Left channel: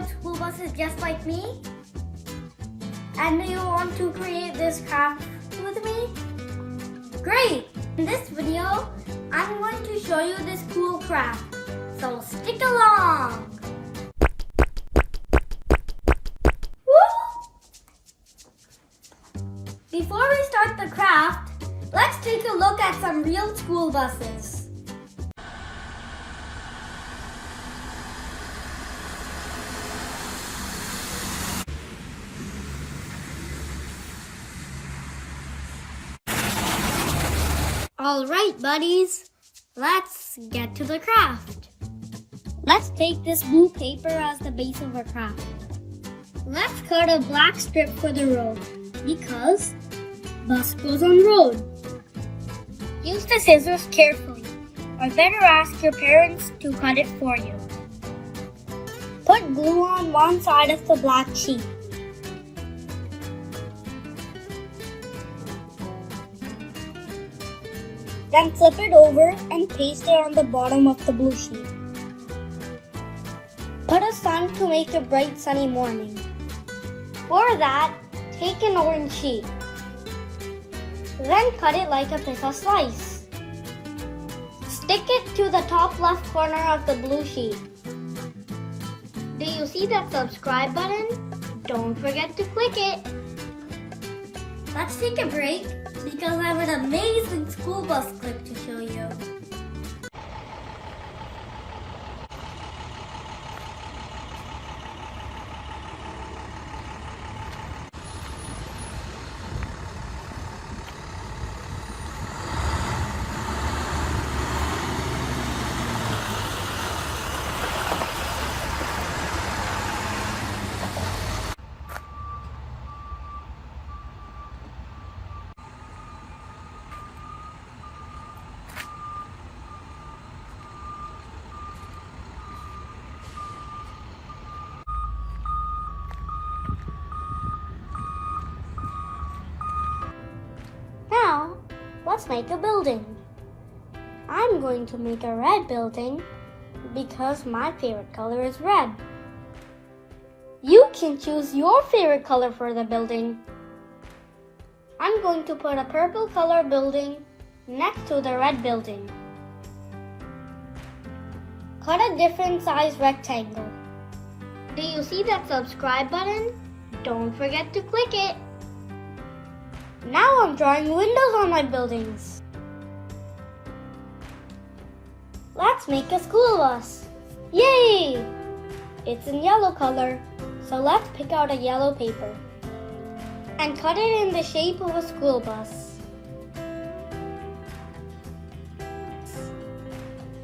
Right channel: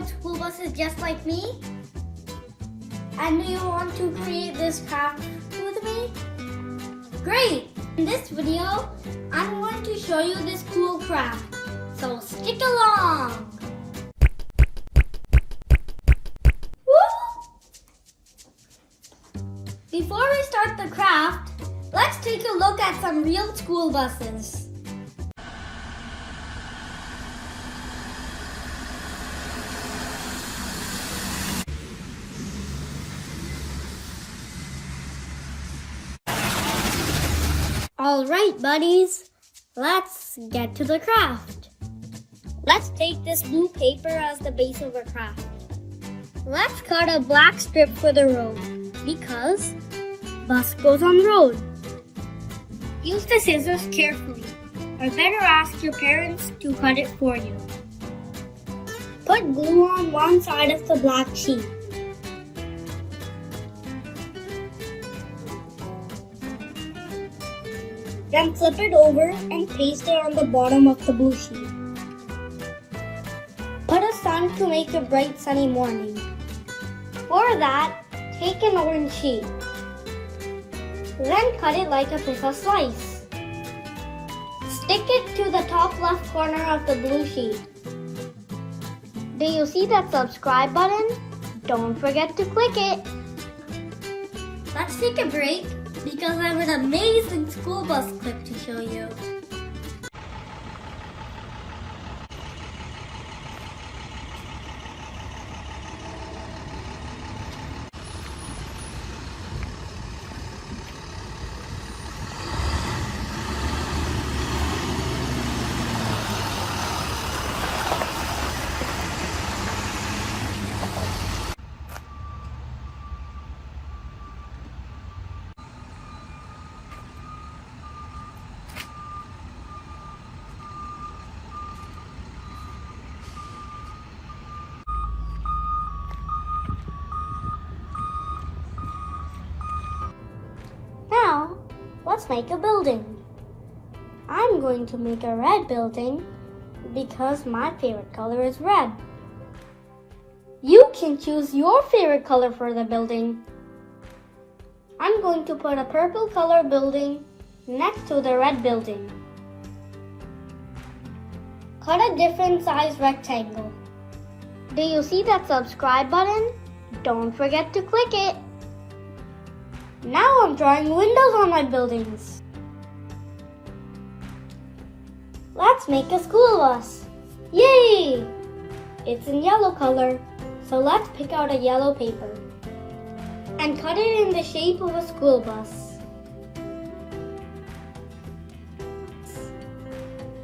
ride school buses just like me? And do you want to create this craft with me? Great! In this video, I'm going to show you this cool craft, so stick along! Woo! Before we start the craft, let's take a look at some real school buses. Alright buddies, let's get to the craft. Let's take this blue paper as the base of our craft. Let's cut a black strip for the road because bus goes on road. Use the scissors carefully, or better ask your parents to cut it for you. Put glue on one side of the black sheet. Then flip it over and paste it on the bottom of the blue sheet. Put a sun to make a bright sunny morning. For that, take an orange sheet. Then cut it like a pizza slice. Stick it to the top left corner of the blue sheet. Do you see that subscribe button? Don't forget to click it. Let's take a break because I have an amazing school bus clip to show you. Now, let's make a building. I'm going to make a red building because my favorite color is red. You can choose your favorite color for the building. I'm going to put a purple color building next to the red building. Cut a different size rectangle. Do you see that subscribe button? Don't forget to click it. Now I'm drawing windows on my buildings. Let's make a school bus. Yay! It's in yellow color, so let's pick out a yellow paper and cut it in the shape of a school bus.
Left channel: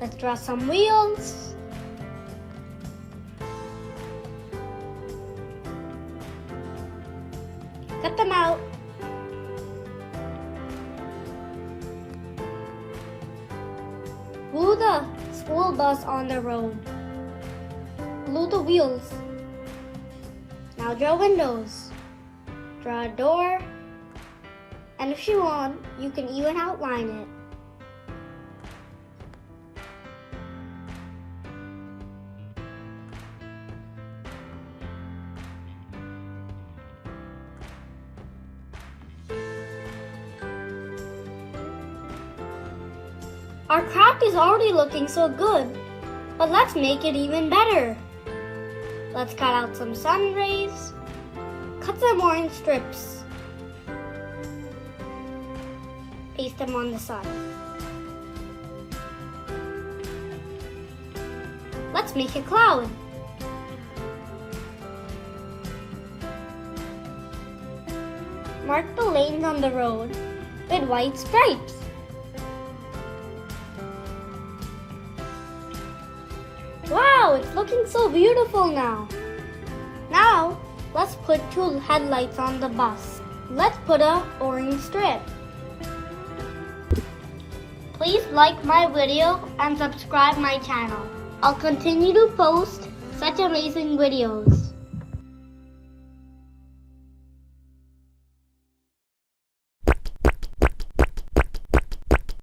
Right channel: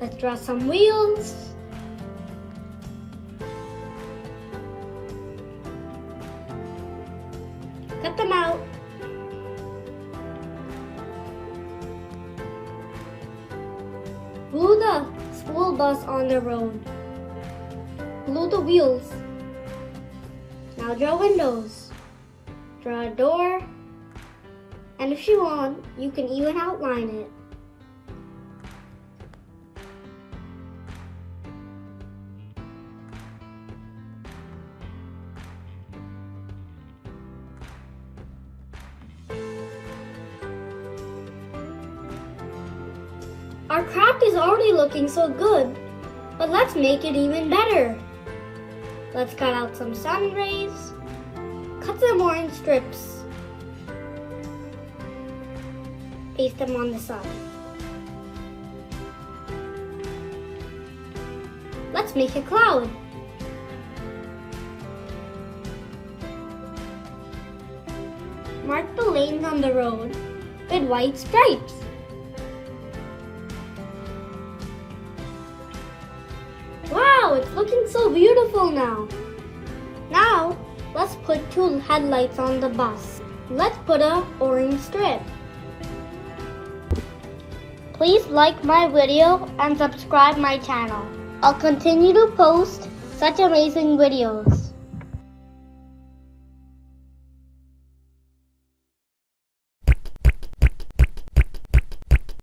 Let's draw some wheels. Cut them out. Glue the school bus on the road. Glue the wheels. Now draw windows. Draw a door. And if you want, you can even outline it. Our craft is already looking so good, but let's make it even better. Let's cut out some sun rays, cut some orange strips, paste them on the side. Let's make a cloud. Mark the lanes on the road with white stripes. Wow, it's looking so beautiful now. Now, let's put two headlights on the bus. Let's put an orange strip. Please like my video and subscribe my channel. I'll continue to post such amazing videos.